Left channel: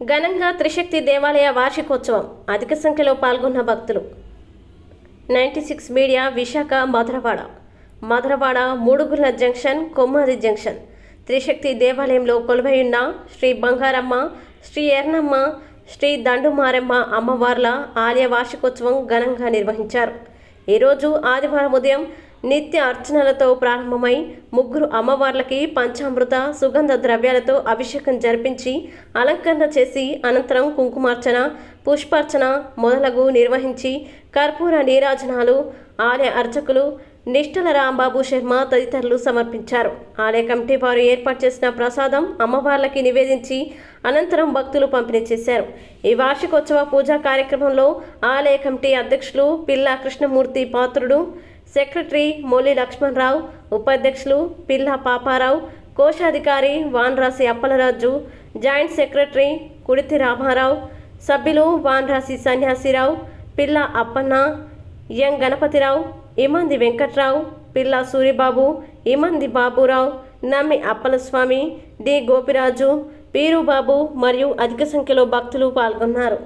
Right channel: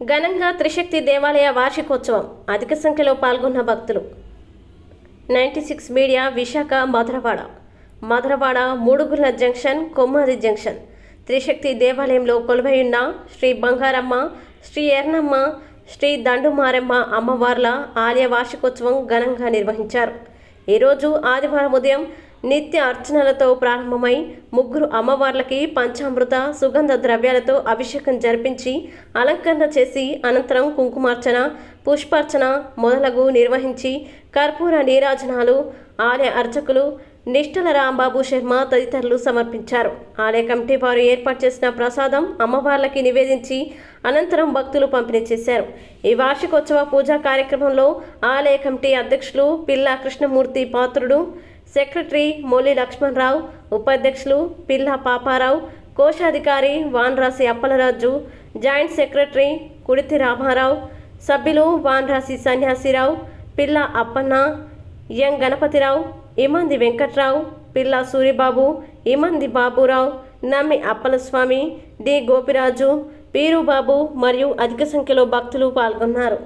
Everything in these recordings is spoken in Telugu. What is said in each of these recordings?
ఘనంగా త్రిశక్తి దేవాలయ వార్షికోత్సవం. అధిక సంఖ్యలో పాల్గొన్న భక్తులు. 96 media Visakha Madhurawada Mudugula junction, Kommadi junction Trishakti దేవాలయంలో కొలువైయున్న శ్రీ బంగారమ్మ, శ్రీ ఎర్నమ్మ, శ్రీ దండుమారమ్మ అమ్మవార్ల ఆలయ వార్షికోత్సవం ఘనంగా నిర్వహించారు. ఈరోజు ఆదివారం ఉదయం నిత్య అర్చనలతో ప్రారంభమై ముగ్గురు అమ్మవార్లకి పంచామృత సుగంధ ద్రవ్యాలతో అభిషేకం జరిపించి అలంకరణ చేసి అనంతరం కుంకుమార్చన, పుష్పార్చన మొదలగు నిర్వహించి కర్పూర నీరాజనాలు ఆలయ అర్చకులు నిష్టల రాంబాబు శర్మ తదితరులు సమర్పించారు. ఆలయ కమిటీ వారు ఏర్పాటు చేసిన ప్రసాదం అమ్మవార్లకి నివేదించి అనంతరం భక్తులు పంపిణీ చేశారు. ఈ వార్షికోత్సవ పూజా కార్యక్రమంలో ఆలయ కమిటీ అధ్యక్షులు పిల్లా కృష్ణమూర్తి పాత్రుడు, సెక్రటరీ మోలి లక్ష్మణరావు, ఉపాధ్యక్షులు పిల్లా పాపారావు, కోశాధికారి వాన్రాసి అప్పలరాజు, జాయింట్ సెక్రటరీ కుడితి రామారావు, సభ్యులు వాన్రాసి సన్యాసిరావు, పిల్లా అప్పన్న, ఎం గణపతిరావు, ఇమంది వెంకట్రావు, పిల్లా సూరిబాబు, ఇమంది బాబురావు, నమ్మి అప్పలస్వామి, డి గోపిరాజు, పీరుబాబు మరియు అధిక సంఖ్యలో భక్తులు పాల్గొన్నారు.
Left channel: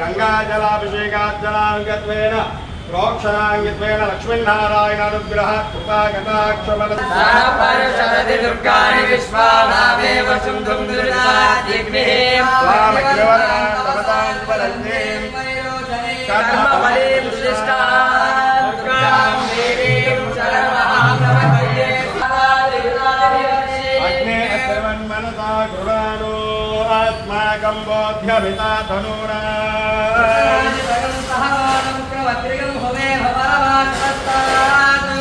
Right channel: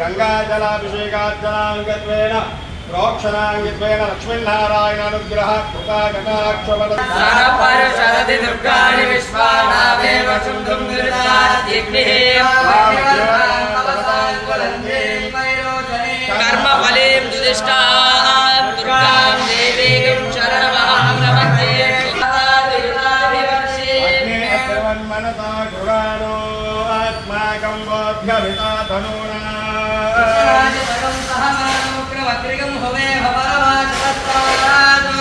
గంగాజలాభిషేకార్చనాంగత్వేన ప్రోక్షణాంగిత్వేన లక్ష్మీనారాయణానుగ్రహ కృపాకటాక్షబల సరపరశరది దుర్గాని విశ్వానాదేవ చుందుం దుర్గాదిగ్నిః కర్మఫలేం దుదిష్టాం దుర్గాం దేవీం శరణమహం ప్రపద్యే అగ్నే అత్రవన్మనసా గురానో ఆత్మాకం బోధ్యమితా ధనునా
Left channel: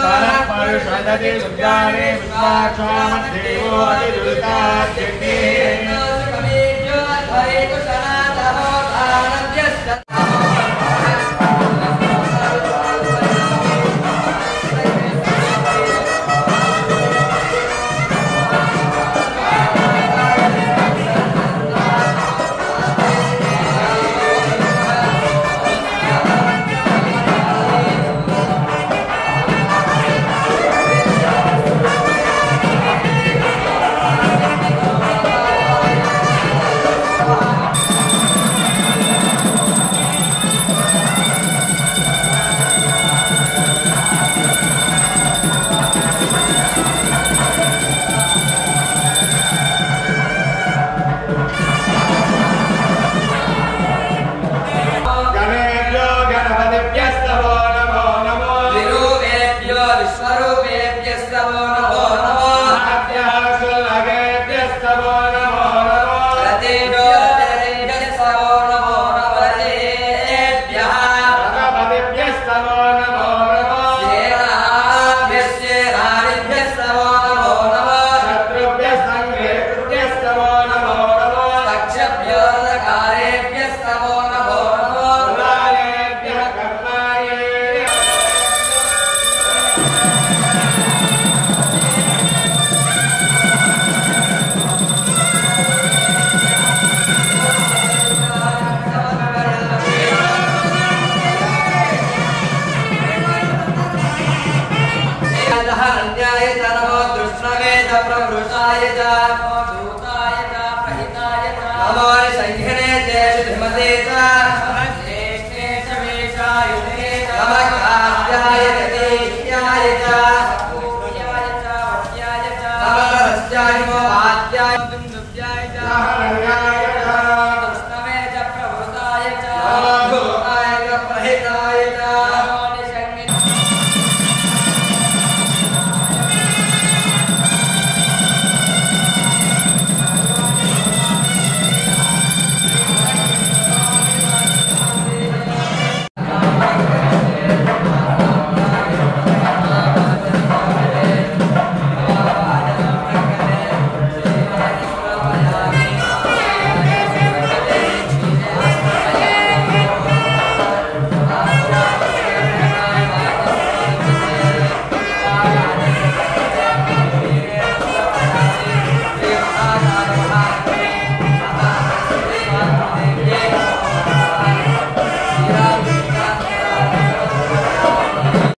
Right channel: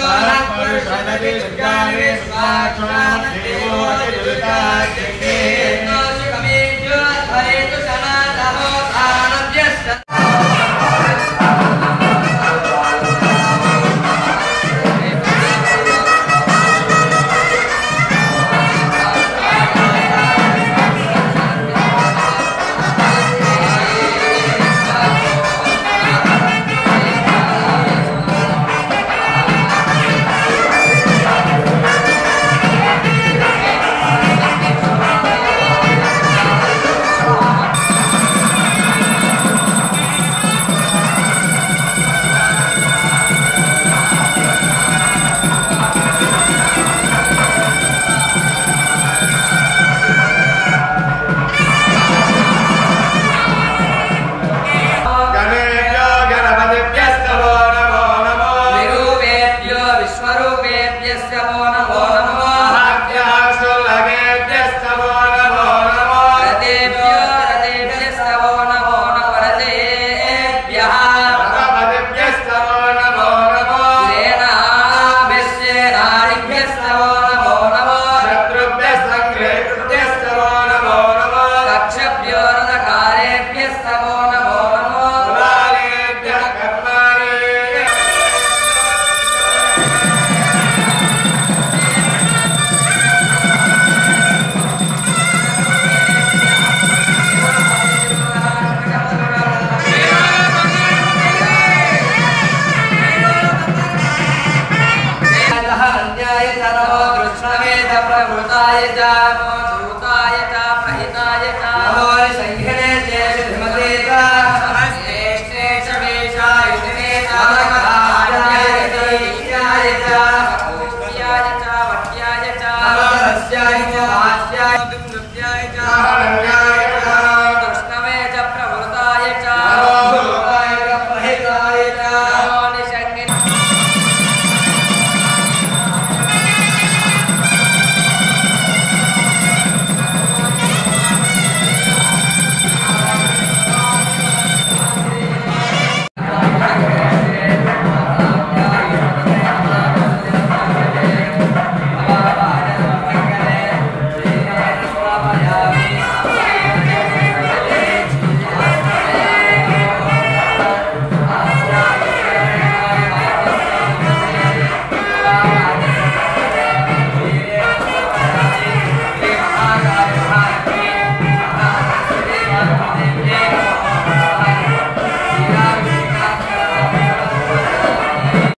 సరపరశరది దుర్గాని విశ్వాక్షోమధ్యేవో అతిదుర్గాదిగ్నిః శత్రుభ్యః సంఘేతుభ్యః నమో నమః